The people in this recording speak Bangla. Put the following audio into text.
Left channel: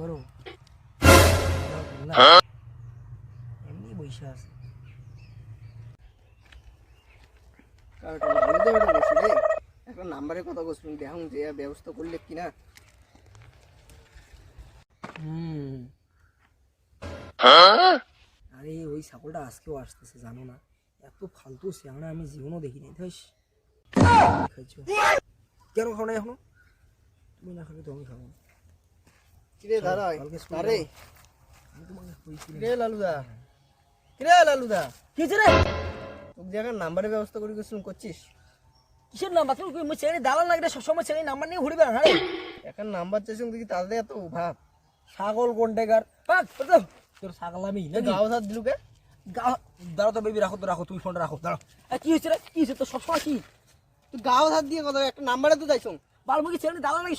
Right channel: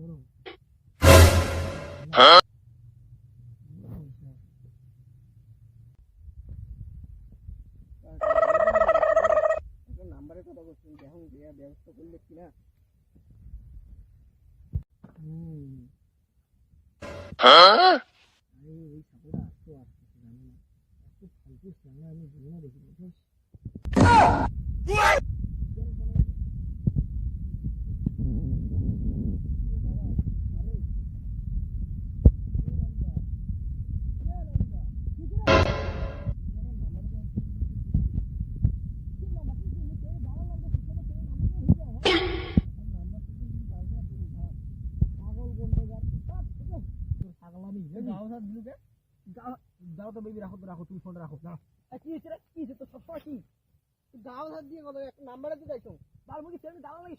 করো এমনি বসে আছে এখন নাম্বারে কথা বলছিলাম দেখুন যে ব্যবস্থা করলে কিনা আরে ওই ছাগলটা আজকেও আসতেছে জানো না এত ফালতু সিয়ানা আমি জীবনও দেখিনি ধস কেন খাও না এখনো তুমি না খাবে তুমি খাও কিরে দাদা আরে কিরে লালুদা কি রে তোকে জায়গায় নাম্বারের ব্যবস্থা করে গেছিলাম করছিস কিসের নাম্বার তুমি মই ছেলে দালাল লাগলে সবসময় ছেলে নাম্বার নিয়ে ঘুরবে না এখন নাম্বার চাইছিলাম দেখি তাদের এত ভাব ছাগল কোনটেকার তোর ছাগল আমি গাও হাত দিলুকে দাঁড়াও তো বেবি রাখো তুমি ফোনটা রাখো দাঁড়াও কি হয়েছে রে কি হয়েছে তো সবসময় কি তুই গাও হাত দিয়ে কথা একটা নাম্বারে তো চাইছো বালমুখী ছেলে দালাল নাকি